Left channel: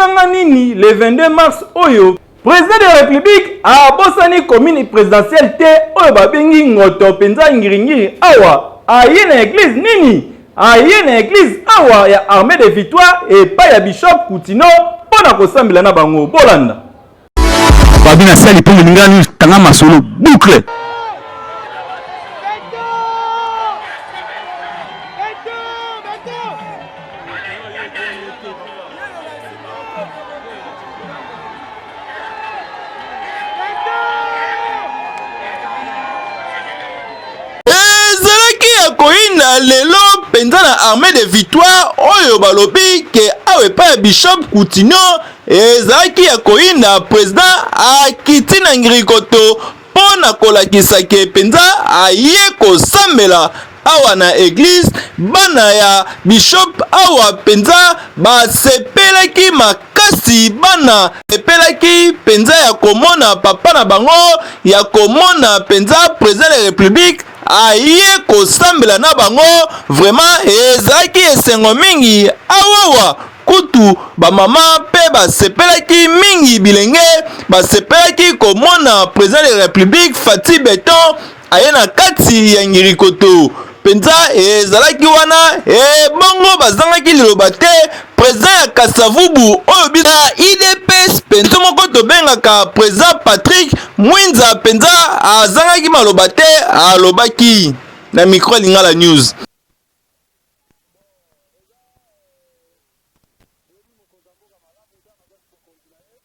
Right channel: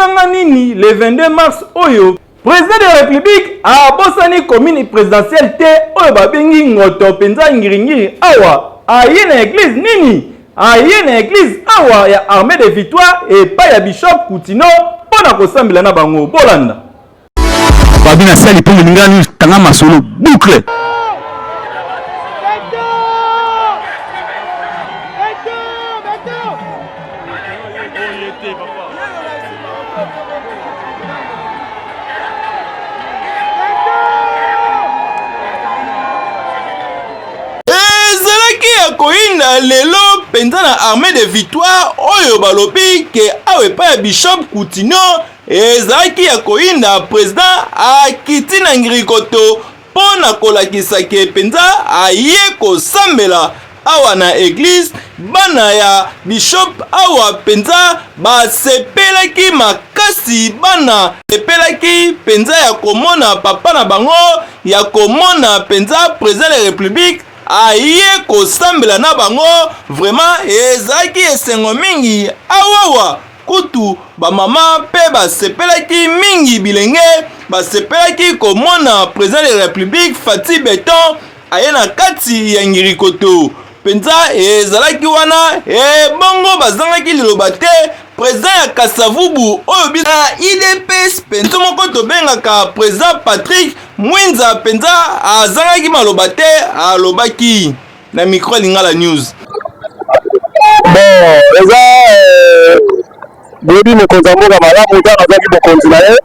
monanga nini le 22 mars oyo président de la République a bosani commune présidentielle te oyo babengi ngoto penza ngiringiri awa aye na église nini aye na église awa ya armée de victoire et pas ya bishop Koutino pona kosambela na bango bolanda babina sali pongo ngani tanga masolo boucle koina lelo penza na armée de victoire oyo balobi ke awe pa bishop Koutino ezalaki ya koina président akiti na ngirikoto pona kolakisa ke penza aye kosambela awa na église bana ya bishop awa penza basepelaki makasi bana sepelaki penza ya komona papa na bango ya komona penza président de la république aye kosambela na bango vraiment ezalaki esengo mingi awawa kutu bamama pe basepelaki mingi bilenge basepelaki komona président de la république Fati Beton aye na kati ya ngirikoto penza ezalaki wana bongo bazangaki liloba te président ya Kasavubu oyo bina IDPS penza moko tobengaka président Patrick Mwinza penza azangaki maloba te alobaki na micro Lingala News. Bon eza boyebi mokonzi ya mboka malamu ntango azalaki bokonzi na ye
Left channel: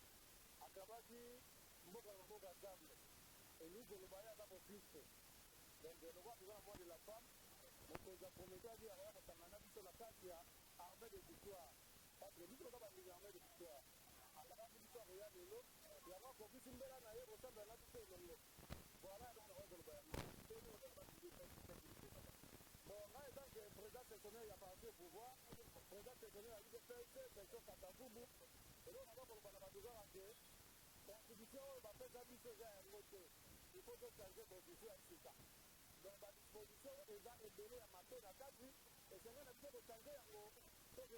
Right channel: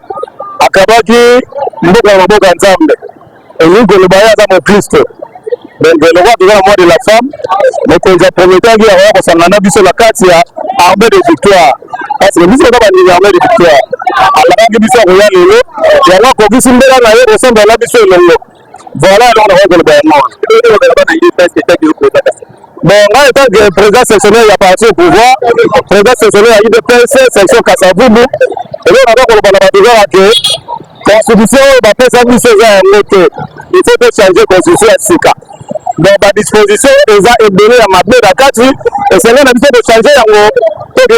akabaki mboka ya maboka nzambe elingi koloba ye aza mokristo donc le roi de la mort de la femme mokonzi ya prometaki akoya kosangana na biso na kati ya armée de victoire parce que biso kaka bandimi armée de victoire alakaki biso akoya lelo yango akokisi mbela na ye kosambela na biso elongo voilà elongo nakoya koloba yango bon, moi, étant que président sectionnaire, il y a parti au pouvoir, président sectionnaire, il y a IDPS, section Kasavubu, et là, on a dit qu'on va que la constitution, va faire ça, il faut changer la constitution à Sika. Donc, la disposition, ils ont donné à ma belle à 4 et c'est là qu'on a de changer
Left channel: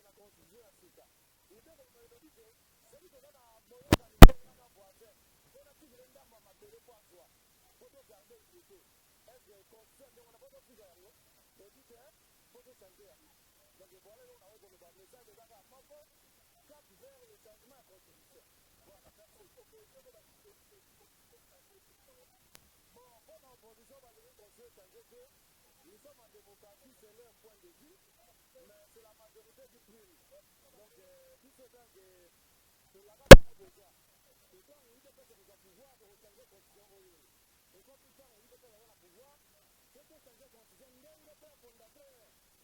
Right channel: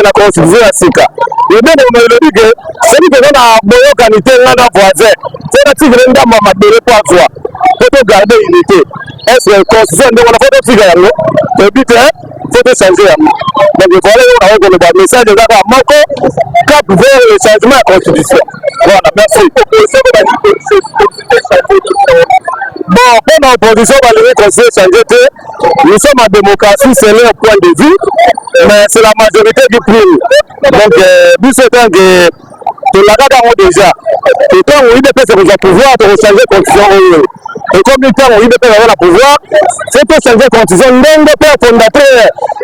la constitution à Sika. Et bien, on me dit que celui qui a une bonne qualité, il a un voisin, c'est la tigre de ma belle pour toi, pour garder l'unité. Est-ce que la constitution de la photo tigre, le but est de changer. Donc, voilà, on a le message de la Moko, cap vers le changement de la constitution. Voilà, merci. Bon, pour l'opposition, on va le conseiller changer. Nous sommes en démocratie, c'est leur point de vue, mais c'est la majorité qui prime. Donc, nous souhaitons que la garde déjà, et quand on IDP c'est le pouvoir de changer la constitution. Et comme le temps où IDP a le pouvoir, c'est pour changer la constitution. Même le père fondateur,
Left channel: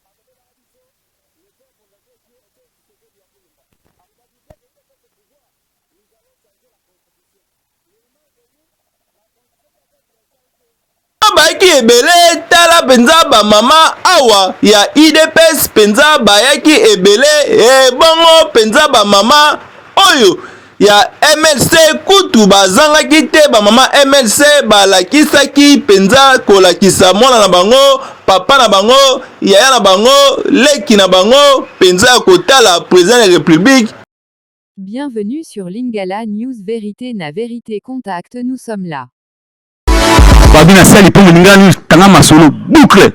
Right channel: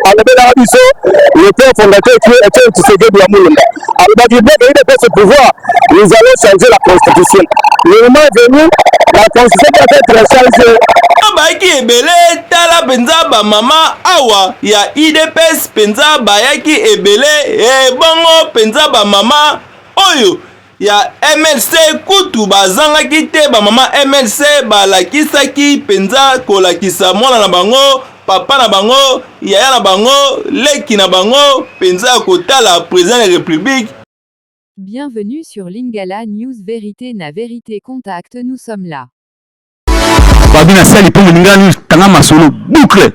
le père fondateur qui est un Tshisekedi de la Moulunda. Alors, il IDP ce pouvoir, nous allons changer la constitution. Le moment est venu, la constitution doit être changée. Bayaki ebele tala penza ba mama awa ya IDPS penza bayaki ebele bongo penza ba mama oyo ya MLC kutu bazangaki te ba mama MLC balakisaki penza kolakisa mwana na bango papa na bango yaya na bango leki na bango penza kotala président de la République. Bienvenue sur Lingala News Vérité na Vérité Contact, nous sommes là. babina sali pongo ngani tanga masolo boucle